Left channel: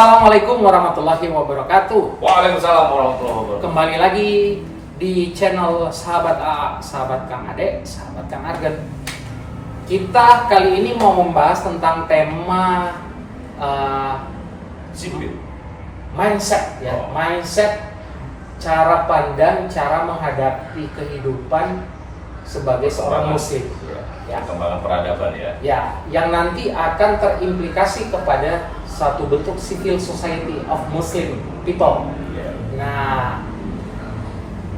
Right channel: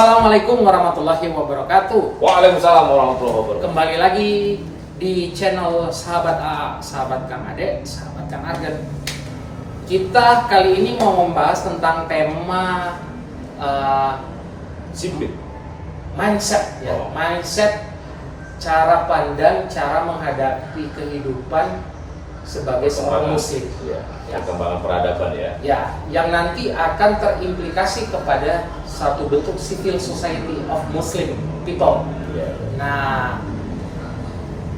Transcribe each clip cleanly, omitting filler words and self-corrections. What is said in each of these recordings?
Assalamualaikum warahmatullahi wabarakatuh. Waalaikumsalam warahmatullahi wabarakatuh. Kembali lagi di channel Sahabat A, Sahabat Kang Ade, Sahabat Kang Argen. Kita kali ini mau membahas tentang tema mindset ya, mindset, cara pandang, cara menghadapi kehidupan sebagai seorang muslim. Ya, perkembangan peradaban ya. Ya, yang nanti akan terimplikasi kepada satu bentuk civil society of Muslim people. Ya. Nah,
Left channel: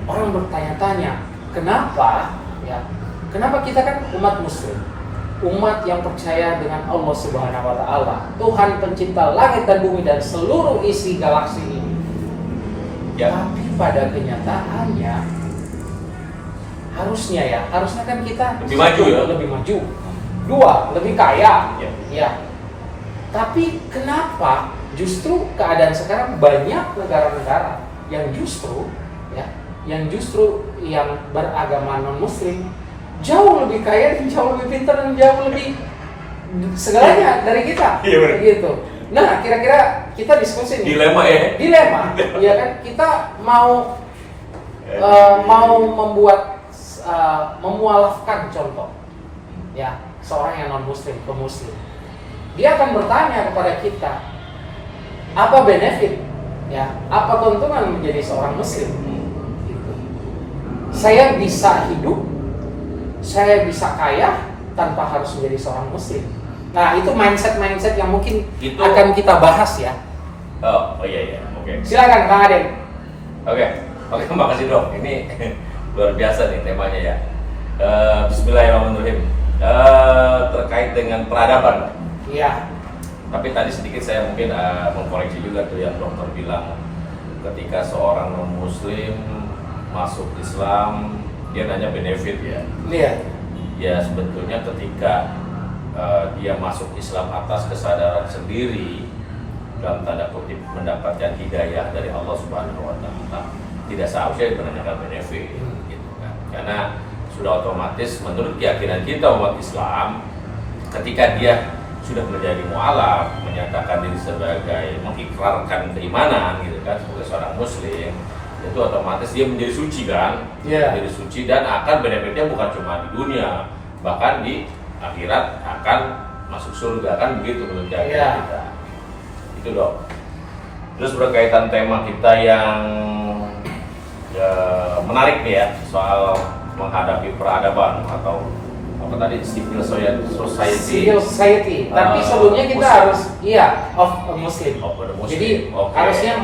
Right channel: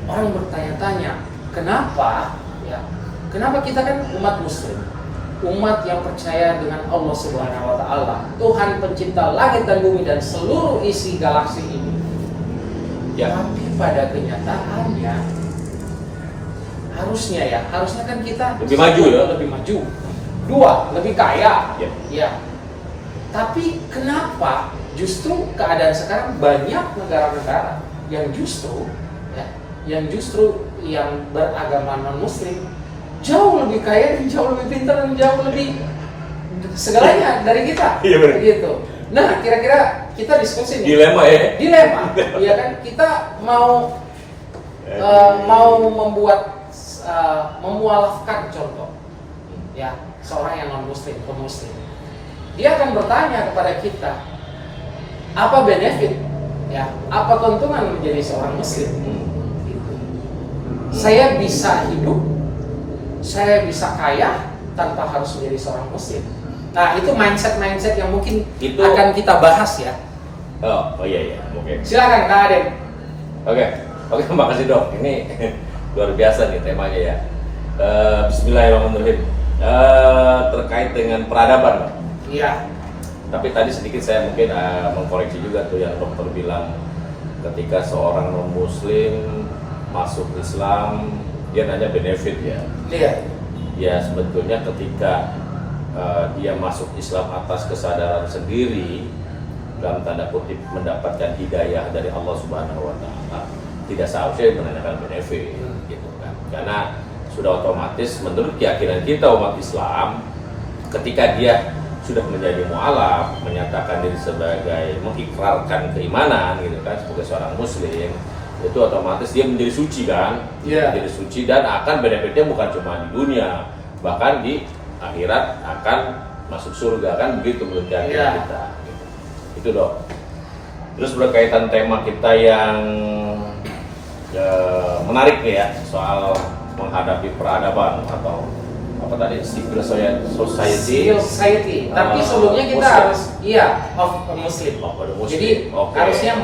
orang bertanya-tanya, kenapa? Ya, kenapa kita kan umat Muslim, umat yang percaya dengan Allah Subhanahu Wa Taala, Tuhan pencipta langit dan bumi dan seluruh isi galaksi ini. Ya. Tapi pada kenyataannya, harusnya kan kita lebih maju ya, lebih maju, dua, lebih kaya, ya. Tapi kenapa justru keadaan sekarang banyak negara-negara yang justru yang beragama non-muslim jauh lebih kaya dan jauh lebih pintar dan jauh lebih segalanya dari kita, gitu. Nah, kira-kira kita diskusi nih. Dilema, iya kan? Kita mau memualafkan contoh, ya, seorang yang non-muslim ke muslim. Dia akan bertanya kepada kita, apa benefit, ya, apa keuntungan menjadi seorang muslim? Gitu. Saya bisa hidup, saya bisa kaya tanpa harus menjadi seorang muslim. Nah, itu mindset yang mungkin itu akan kita bahas ya. Oh iya, oke. Silakan Kang Adem. Oke, makasih dok. Ini luar biasa nih temanya ya. Bismillahirrahmanirrahim. Terkait dengan peradaban, Pak. Iya. Tapi tadi sedikit saya mungkin mengkoreksi juga tuh yang dokter bilang, ketika seorang non-muslim masuk Islam, dia nanya benefit ya. Iya. Ya sebetulnya ketika dia masuk Islam atas kesadaran sendiri, dalam tanda kutip mendapatkan hidayah dari Allah Subhanahu Wa Taala, tidak seharusnya menanyakan benefit, gitu kan? Karena sudah otomatis menurut keyakinan kita umat Islam, ketika dia sudah menjadi mu'alaf, menyatakan diri sebagai mengikrarkan keimanan, gitu kan, sebagai seorang muslim, itu otomatis dia menjadi suci kan, menjadi suci dan akan benefitnya bukan cuma di dunia, bahkan di akhirat akan masuk surga kan, begitu menurut keyakinan kita. Itu dok. Terus berkaitan tema kita yang menarik nih ya, soal menghadapi peradaban atau apa tadi, civil society. Tapi sebelumnya kita Muslim. harus of a Muslim. Jadi harusnya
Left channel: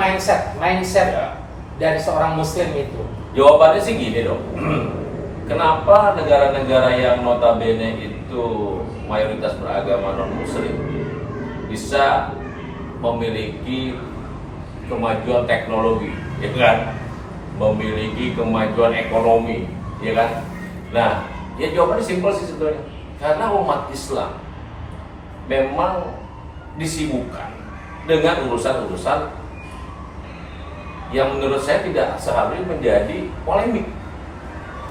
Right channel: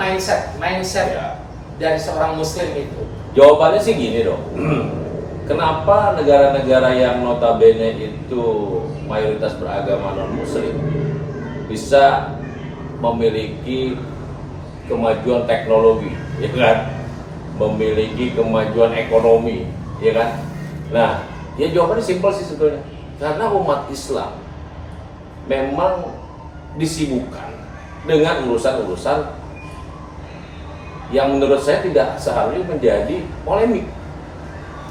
mindset dari seorang Muslim itu. Jawabannya sih gini dong. Kenapa negara-negara yang notabene itu mayoritas beragama non-muslim bisa memiliki kemajuan teknologi, ya kan? Memiliki kemajuan ekonomi, ya kan? Nah, ya jawabannya simpel sih sebetulnya. Karena umat Islam memang disibukkan dengan urusan-urusan yang menurut saya tidak seharusnya menjadi polemik.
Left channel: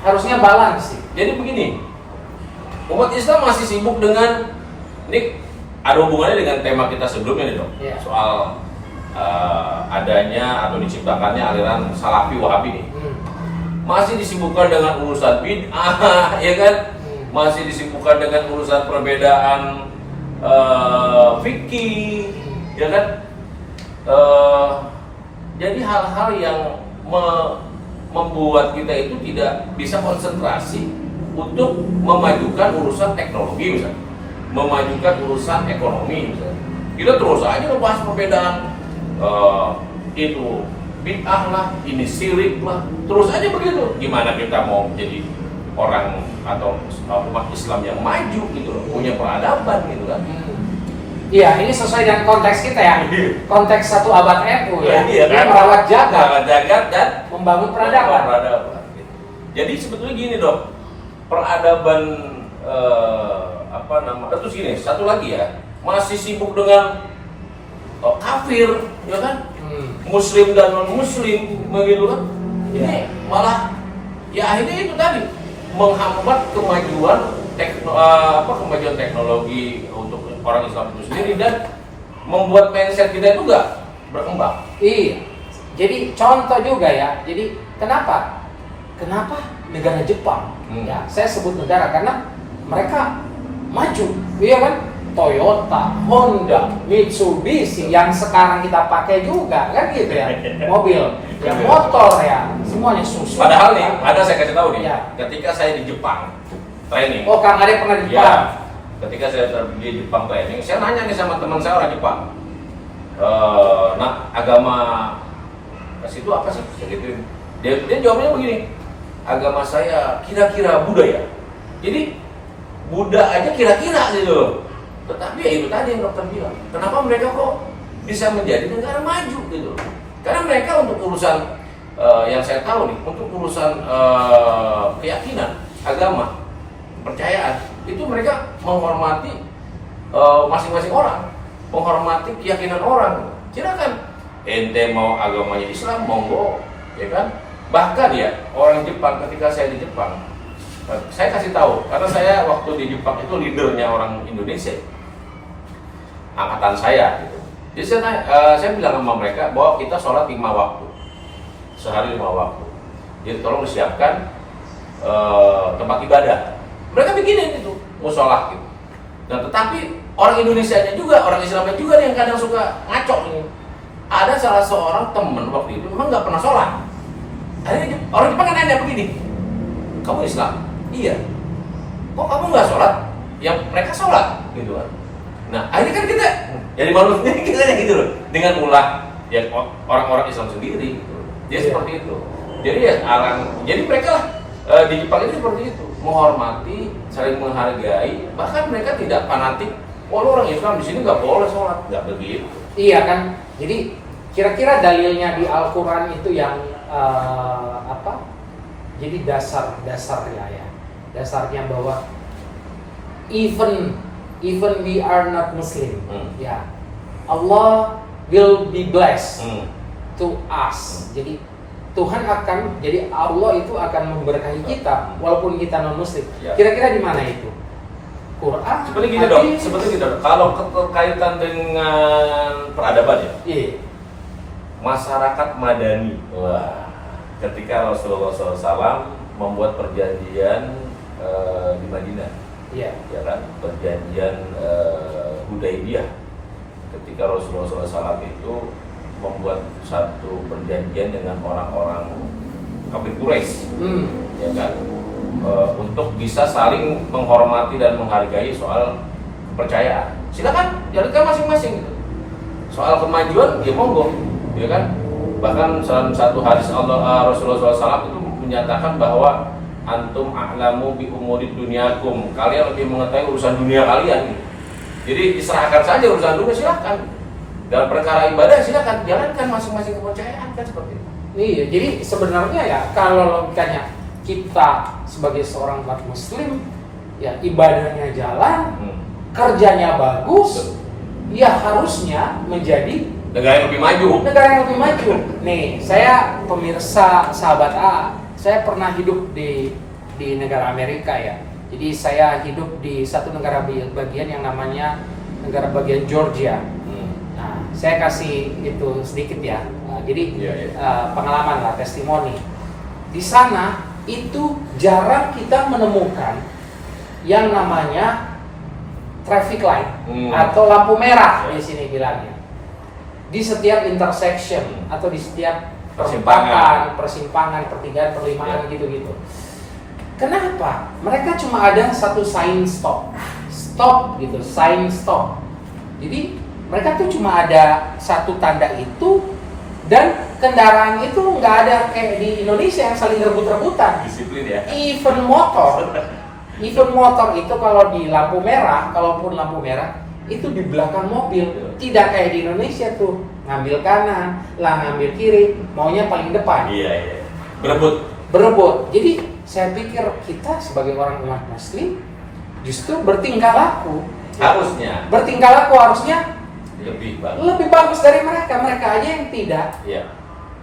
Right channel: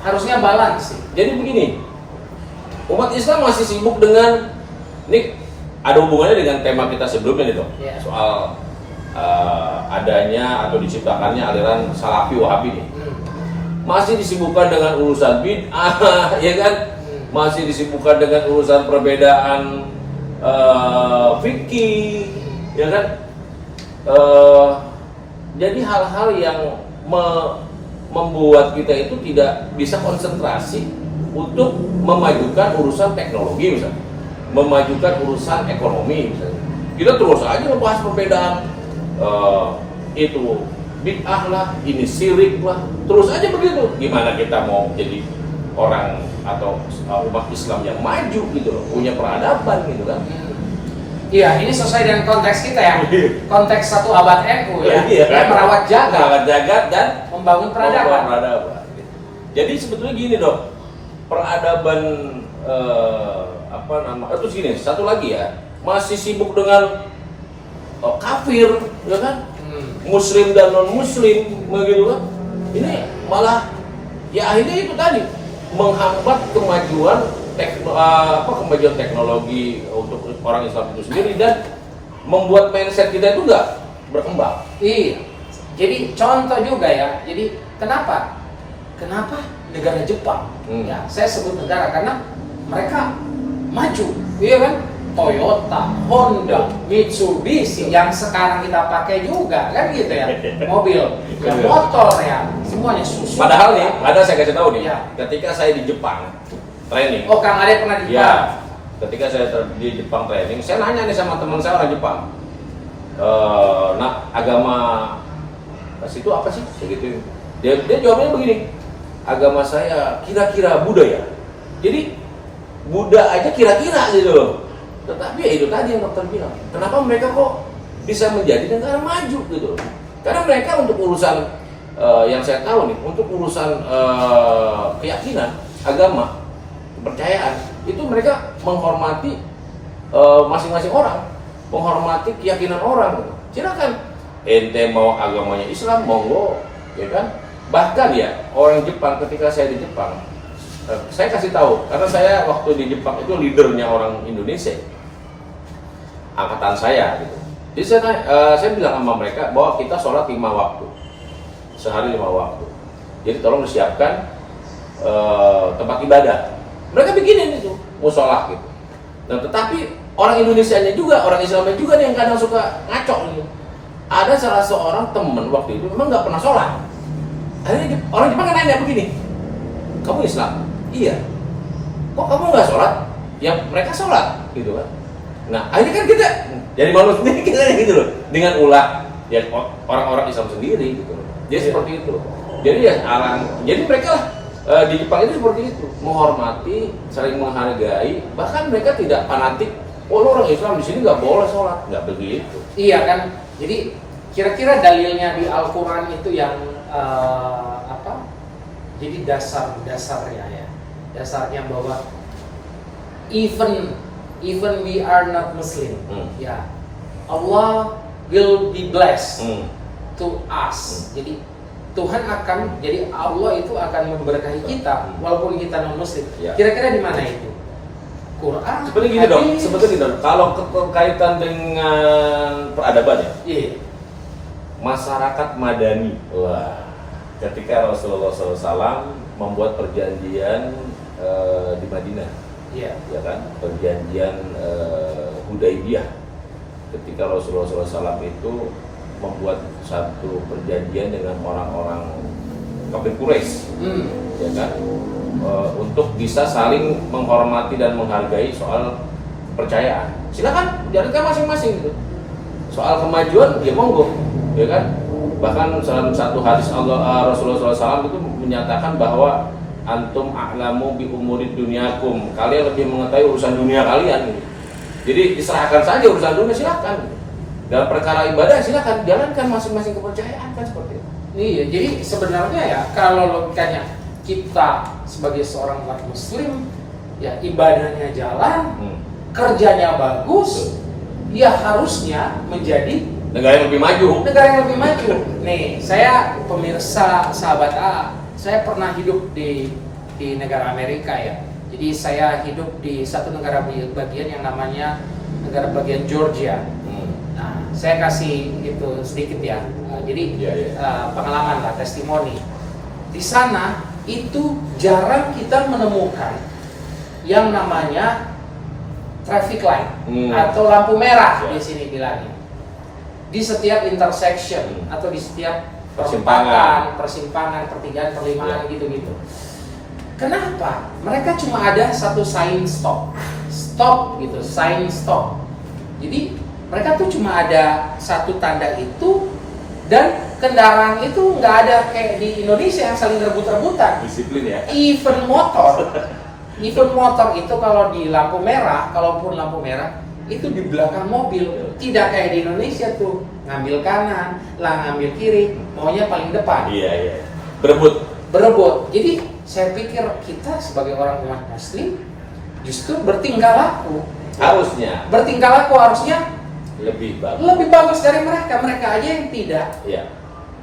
Harusnya balance sih. Jadi begini, umat Islam masih sibuk dengan, ini ada hubungannya dengan tema kita sebelumnya nih dok, soal adanya atau diciptakannya aliran Salafi Wahabi nih. Masih disibukkan dengan urusan bid'ah, ya kan? Masih disibukkan dengan urusan perbedaan fikih, ya kan? Jadi hal-hal yang membuat kita itu tidak bisa konsentrasi untuk memajukan urusan teknologi misalnya, memajukan urusan ekonomi misalnya. Kita terus aja membahas perbedaan itu bid'ah lah, ini syirik lah, terus aja begitu. Gimana kita mau menjadi orang atau umat Islam yang maju gitu loh, punya peradaban gitu kan? Iya, ini sesuai dengan konteks kita ya. Konteks satu abad NU ya, yang merawat jagat dan membangun peradaban. Gitu. Jadi sebetulnya gini dong, peradaban terus gini, satu lagi ya, masih sibuk dengan kafir, ya kan? Muslim dan non-muslim, begitu kan? Ini malah ya akhirnya itu tadi menghambat kemajuan kemajuan teknologi untuk orang Islam itu sendiri, dan membuat mindset kita itu nggak berkembang. Iya. Jadi contoh juga ya. Jadi kenapa negara Jepang? Ya, saya sebut negara karena mereka maju, iya kan? Toyota, Honda, Mitsubishi yang sekarang kita pakai juga kan gitu ya. Mobil, ya motor ya, semuanya Suzuki. Padahal nih, ada saya kasih tahu nih, Ya. ketika saya di Jepang training. Oh, Kang Ade pernah di Jepang? Ya, ketika saya di Jepang training, saya nanya nih sama teman saya orang Jepang. Nah, agama situ apa sih? Segitu. Dia jawabnya begini. Agama saya kira-kira Buddha ya. Jadi Buddha aja kira-kira gitu loh. Tetapi ya itu tadi yang dokter bilang. Kenapa mereka kok bisa menjadi negara maju gitu loh? Karena mereka untuk urusan yang saya tahu nih, untuk urusan keyakinan, agama, kepercayaan, itu mereka menghormati masing-masing orang, menghormati keyakinan orang. Silakan, ente mau agamanya Islam, monggo, ya kan? Bahkan ya orang Jepang, ketika saya di Jepang, saya kasih tahu, karena saya waktu di Jepang itu leadernya orang Indonesia, angkatan saya gitu. Jadi saya bilang sama mereka bahwa kita sholat 5 waktu, sehari 5 waktu. Jadi tolong disiapkan tempat ibadah. Mereka bikinin itu, musola gitu. Nah, tetapi orang Indonesianya juga, orang Islamnya juga nih yang kadang suka ngaco nih. Ada salah seorang temen waktu itu memang nggak pernah sholat. Akhirnya orang Jepang nanya begini, kamu Islam? Iya. Kok kamu nggak sholat? Yang mereka sholat, gitu kan? Nah, akhirnya kan kita jadi manusia kita gitu loh, dengan ulah yang orang-orang Islam sendiri gitu loh. Jadi seperti itu. Jadi ya jadi mereka lah di Jepang itu seperti itu, menghormati, saling menghargai, bahkan mereka tidak fanatik. Oh, lu orang Islam di sini nggak boleh sholat, nggak begitu. Iya kan. Jadi kira-kira dalilnya di Al-Quran itu yang apa? Jadi dasarnya ya, dasarnya bahwa even we are not Muslim, ya Allah will be blessed to us. Jadi Tuhan akan, jadi Allah itu akan memberkahi kita walaupun kita non Muslim. Ya. Kira-kira di mana itu? Quran. Seperti gini dong, sebetulnya gini dong. Kalau berkaitan dengan peradaban ya, Iya. masyarakat Madani. Wah, ketika Rasulullah SAW membuat perjanjian di Madinah, Iya. ya kan, perjanjian Hudaybiyah. Ketika Rasulullah SAW itu membuat satu perjanjian dengan orang-orang kafir Quraisy, ya kan, untuk bisa saling menghormati dan menghargai soal kepercayaan. Silakan jalankan masing-masing gitu. Soal kemajuan ya monggo, ya kan. Bahkan salah satu hadis Rasulullah SAW itu menyatakan bahwa antum a'lamu bi umuri dunyakum, kalian lebih mengetahui urusan dunia kalian gitu. Jadi diserahkan saja urusan dunia, silakan gitu. Dalam perkara ibadah silakan jalankan masing-masing kepercayaan, kan seperti itu. Iya, jadi sebenarnya ya kalau logikanya kita sebagai seorang umat Muslim, ya ibadahnya jalan, kerjanya bagus, ya harusnya menjadi negara yang lebih maju. Negara yang lebih maju. Nih, saya pemirsa sahabat A, saya pernah hidup di negara Amerika ya. Jadi saya hidup di satu negara bagian yang namanya negara bagian Georgia. Nah, saya kasih itu sedikit ya. Jadi pengalaman lah, testimoni. Di sana itu jarang kita menemukan yang namanya traffic light atau lampu merah di sini bilangnya. Di setiap intersection atau di setiap persimpangan, pertigaan, perlimaan gitu-gitu. Kenapa? Mereka cuma ada satu sign stop gitu, sign stop. Jadi mereka tuh cuma ada satu tanda itu, dan kendaraan itu nggak ada kayak di Indonesia yang saling rebut-rebutan. Disiplin ya. Even motor itu kalau di lampu merah, kalaupun lampu merah itu di belakang mobil, tidak kayak di Indonesia tuh ngambil kanan, lah ngambil kiri, maunya paling depan. Iya. Berebut. Jadi saya pikir kita sebagai orang umat Muslim justru bertingkah laku harusnya lebih bagus dari mereka aja yang tidak ya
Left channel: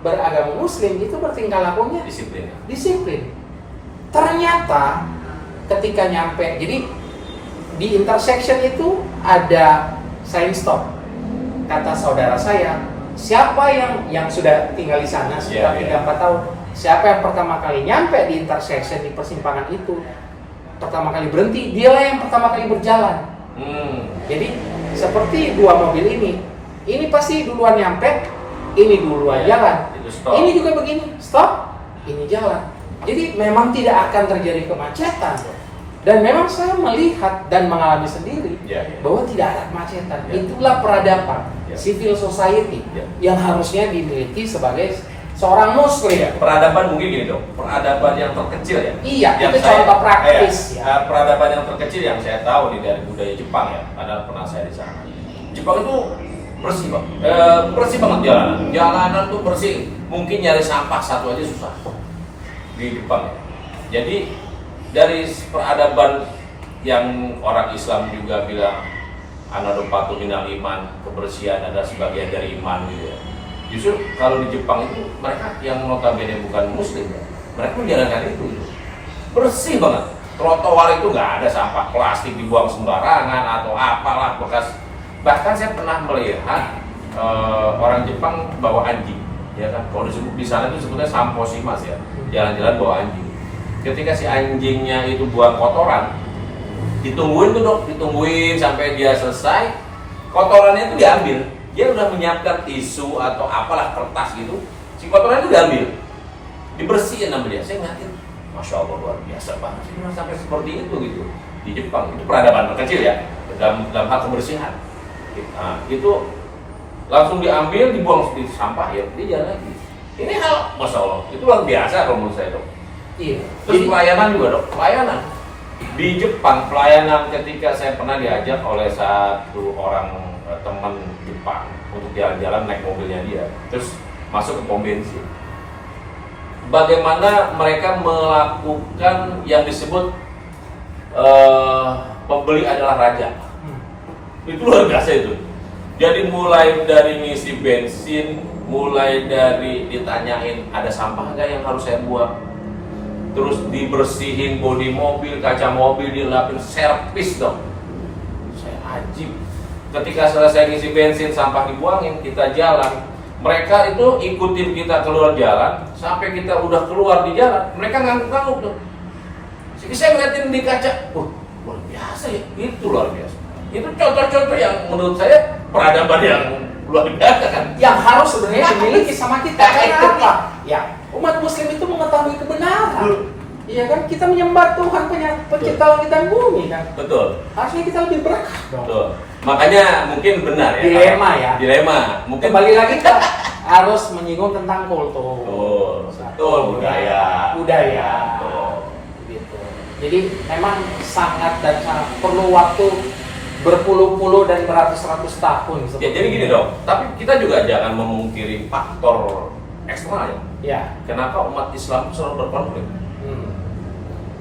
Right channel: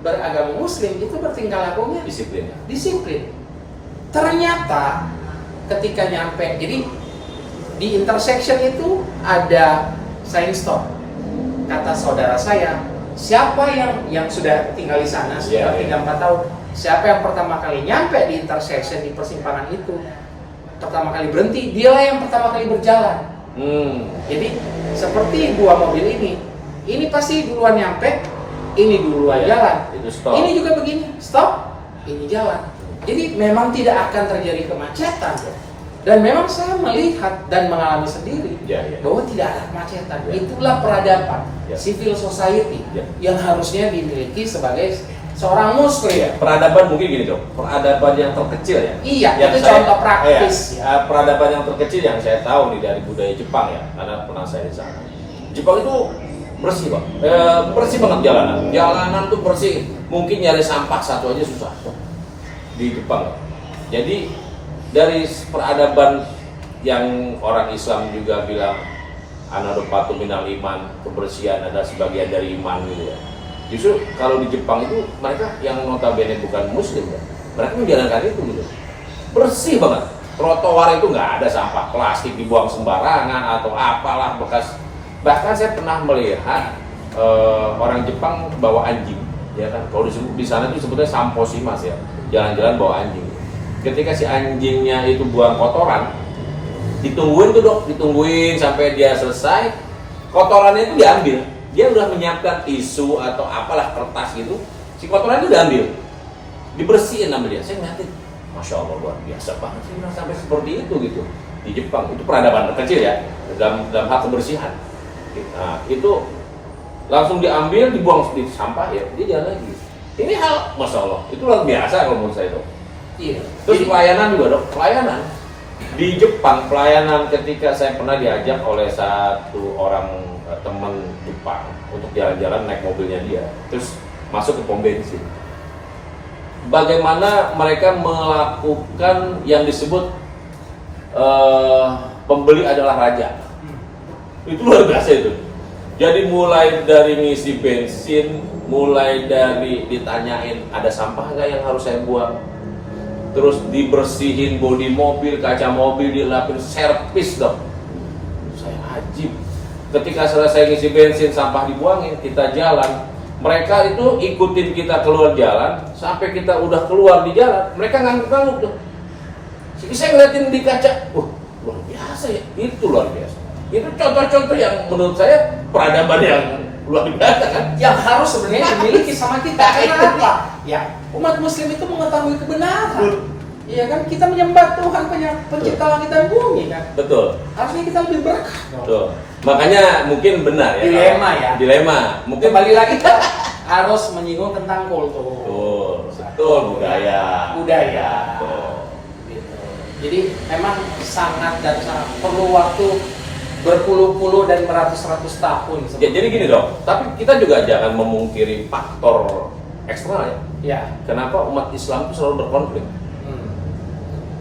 beragama Muslim itu bertingkah lakunya disiplin. Ternyata ketika nyampe, jadi di intersection itu ada sign stop. kata saudara saya, siapa yang sudah tinggal di sana sekitar 3-4 tahun, siapa yang pertama kali nyampe di intersection di persimpangan itu, pertama kali berhenti, dialah yang pertama kali berjalan. Jadi seperti dua mobil ini pasti duluan nyampe, ini duluan jalan. Itu stop. Ini juga begini, stop, ini jalan. Jadi memang tidak akan terjadi kemacetan. Dan memang saya melihat dan mengalami sendiri bahwa tidak ada kemacetan. Itulah peradaban, civil society yang harusnya dimiliki sebagai seorang muslim. Peradaban mungkin gini dong, peradaban yang terkecil ya. Iya, yang itu contoh praktis. Peradaban yang terkecil yang saya tahu nih dari budaya Jepang ya, karena pernah saya di sana. Jepang itu bersih Bang, bersih banget jalanan tuh bersih. Mungkin nyari sampah satu aja susah di Jepang. Jadi dari peradaban yang orang Islam juga bilang anadopatu minal iman, kebersihan adalah sebagian dari iman gitu ya. Justru kalau di Jepang itu mereka yang notabene bukan muslim ya, mereka menjalankan itu gitu. Bersih banget. Trotoar itu nggak ada sampah plastik dibuang sembarangan atau apalah bekas. Bahkan saya pernah melihat orang Jepang bawa anjing, ya kan? Kalau di sana itu sebutnya samposimas ya, jalan-jalan bawa anjing. Ketika si anjingnya itu buang kotoran, ditungguin tuh dok, ditungguin sampai dia selesai, kotorannya itu diambil. Dia udah menyiapkan tisu atau apalah kertas gitu, si kotoran itu diambil, dibersihin sama dia. Saya ngeliatin, masya Allah luar biasa banget sih sampai seperti itu gitu. Di Jepang itu peradaban terkecil ya dalam hal kebersihan. Nah, itu langsung diambil, dibuang di sampah ya, dia jalan lagi. Ini hal masya Allah, itu luar biasa kalau menurut saya dok. Iya. Terus pelayanan juga dok, pelayanan di Jepang, pelayanan ketika saya pernah diajak oleh satu orang teman Jepang untuk jalan-jalan naik mobilnya dia, terus masuk ke pom bensin. Bagaimana mereka melakukan yang disebut pembeli adalah raja. Itu luar biasa itu. Jadi mulai dari ngisi bensin, mulai dari ditanyain ada sampah nggak yang harus saya buang, terus dibersihin bodi mobil, kaca mobil dilapin, servis dong. Saya ajib. Ketika selesai ngisi bensin, sampah dibuangin, kita jalan. Mereka itu ikutin kita keluar jalan, sampai kita udah keluar di jalan, mereka ngangguk-ngangguk dong. Jadi saya ngeliatin di kaca, luar biasa ya, itu luar biasa. Itu contoh-contoh yang menurut saya peradaban yang luar biasa kan, yang harus sebenarnya dimiliki sama kita. Karena apa? Ya, umat muslim itu mengetahui kebenaran. Iya kan, kita menyembah Tuhan pencipta langit dan bumi kan. Betul. Harusnya kita lebih berkah dong. Betul. Makanya mungkin benar ya. Dilema ya. Dilema. Mungkin kembali lagi kan harus menyinggung tentang kultur. Betul. Budaya. Betul. Gitu. Jadi memang sangat perlu waktu berpuluh-puluh dan beratus-ratus tahun. Ya, jadi gini dong. Tapi kita juga jangan memungkiri faktor eksternal ya. Ya. Kenapa umat Islam itu selalu berkonflik?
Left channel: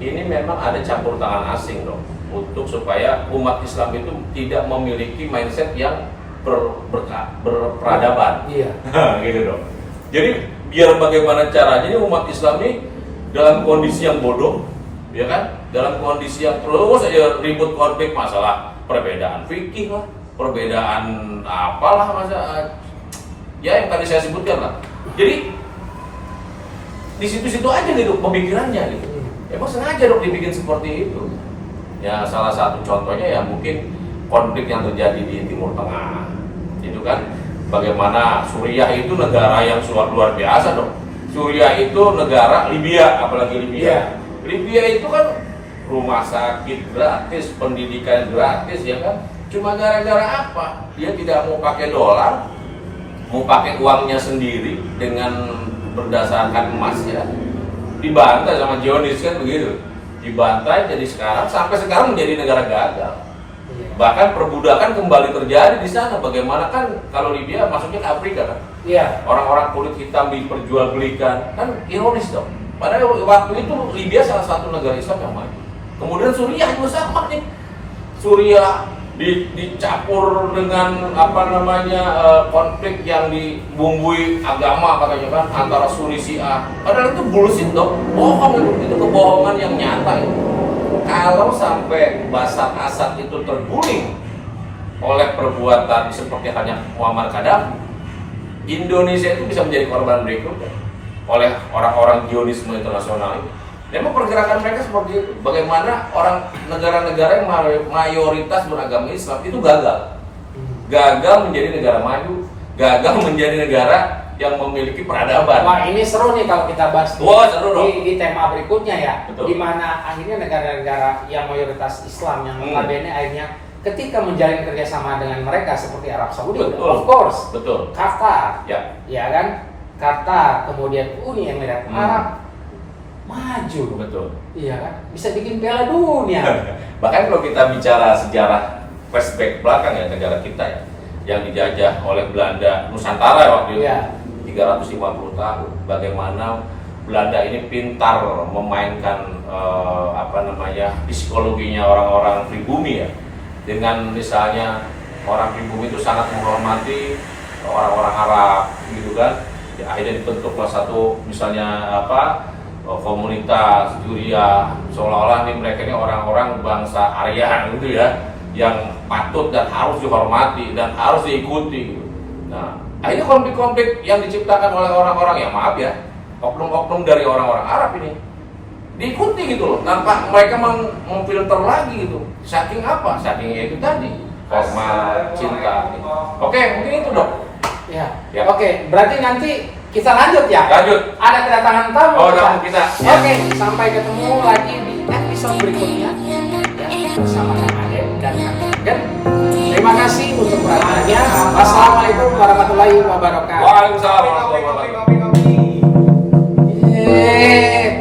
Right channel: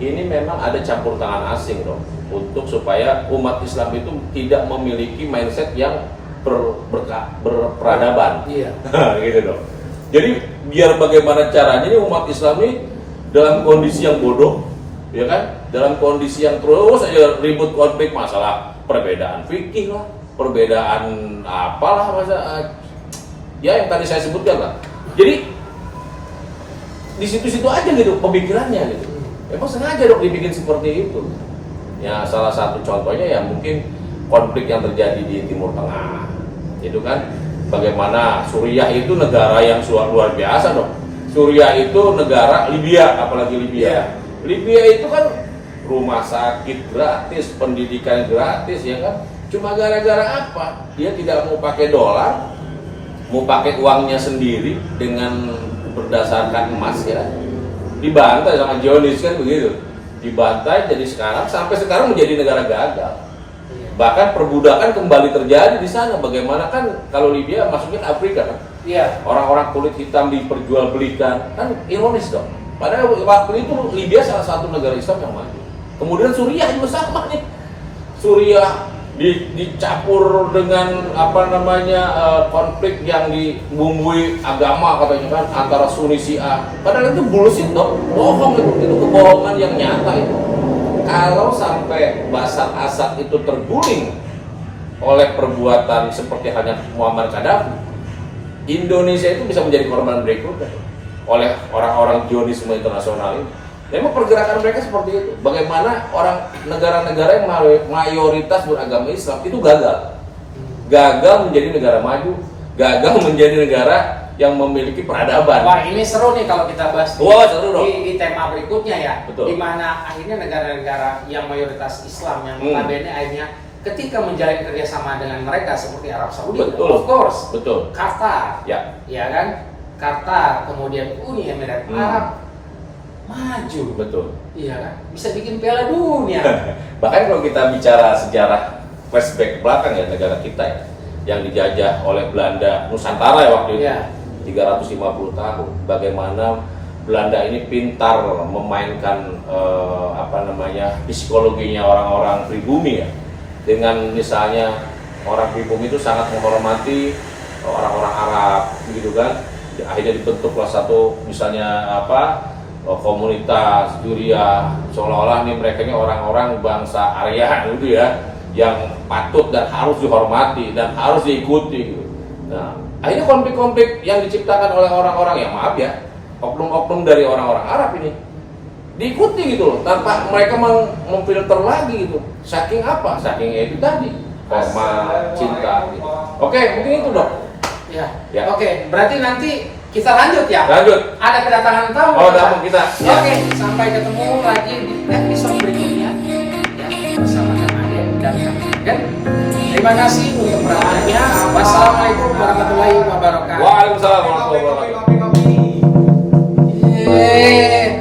Ini memang ada campur tangan asing dong, untuk supaya umat Islam itu tidak memiliki mindset yang berperadaban. Iya. Gitu dong. Jadi biar bagaimana caranya umat Islam ini dalam kondisi yang bodoh, ya kan? Dalam kondisi yang terus aja ribut konflik masalah perbedaan fikih lah, perbedaan apalah ya yang tadi saya sebutkan lah. Jadi di situ-situ aja gitu pemikirannya gitu. Emang sengaja dok dibikin seperti itu. Ya salah satu contohnya ya mungkin konflik yang terjadi di Timur Tengah. Itu kan bagaimana Suriah itu negara yang luar biasa dok. Suriah itu negara, Libya apalagi Libya. Libya itu kan rumah sakit gratis, pendidikan gratis ya kan. Cuma gara-gara apa? Dia tidak mau pakai dolar, mau pakai uangnya sendiri dengan berdasarkan emas ya. Dibantai sama Zionis kan begitu, dibantai jadi sampai sekarang menjadi negara gagal. Bahkan perbudakan kembali terjadi di sana. Bagaimana kan kalau Libya masuknya ke Afrika kan? Iya. Orang-orang kulit hitam diperjualbelikan, kan ironis dong. Padahal waktu itu Libya salah satu negara Islam yang maju. Kemudian Suriah juga sama nih. Suriah dicampur dengan konflik yang dibumbui agama katanya kan antara Sunni Syiah. Padahal itu bullshit dong, bohong itu kebohongan yang nyata itu. Kalau sampai Bashar Assad itu terguling oleh perbuatan seperti hanya Muammar Gaddafi, Indonesia itu bisa menjadi korban berikutnya oleh orang-orang Zionisme internasional ini. Memang pergerakan mereka seperti itu. Bagaimana orang negara-negara yang mayoritas beragama Islam itu gagal menjadi negara maju, gagal menjadi negara yang memiliki peradaban. Wah, ini seru nih kalau kita bahas Wah, seru dong. di tema berikutnya ya. Betul. Di mana akhirnya negara-negara yang mayoritas Islam yang notabene akhirnya ketika menjalin kerjasama dengan mereka seperti Arab Saudi, Betul. of course, Betul. Qatar, Ya. ya kan, Qatar, kemudian Uni Emirat Arab maju, Betul. iya kan, bisa bikin Piala Dunia. Bahkan kalau kita bicara sejarah flashback belakang ya negara kita ya, yang dijajah oleh Belanda Nusantara waktu itu, Iya. 350 tahun. Bagaimana Belanda ini pintar memainkan psikologinya orang-orang pribumi ya. Dengan misalnya orang pribumi itu sangat menghormati orang-orang Arab gitu kan. Akhirnya dibentuklah satu misalnya komunitas Juria, seolah-olah nih mereka ini orang-orang bangsa Arya gitu ya, yang patut dan harus dihormati dan harus diikuti gitu. Nah, akhirnya konflik-konflik yang diciptakan oleh orang-orang, ya maaf ya, oknum-oknum dari orang-orang Arab ini diikuti gitu loh, tanpa mereka memfilter lagi gitu. Saking apa? Saking ya itu tadi, hormat, cinta gitu. Oke, mungkin itu dok. Ya. Ya. Oke, berarti nanti kita lanjut ya. Lanjut. Ada kedatangan tamu. Oh, tamu kita. Ya. Oke, sampai ketemu lagi di episode berikutnya ya, bersama Kang Ade dan Kang Eden. Terima kasih untuk perhatiannya. Wassalamualaikum warahmatullahi wabarakatuh. Waalaikumsalam warahmatullahi wabarakatuh. Yeay.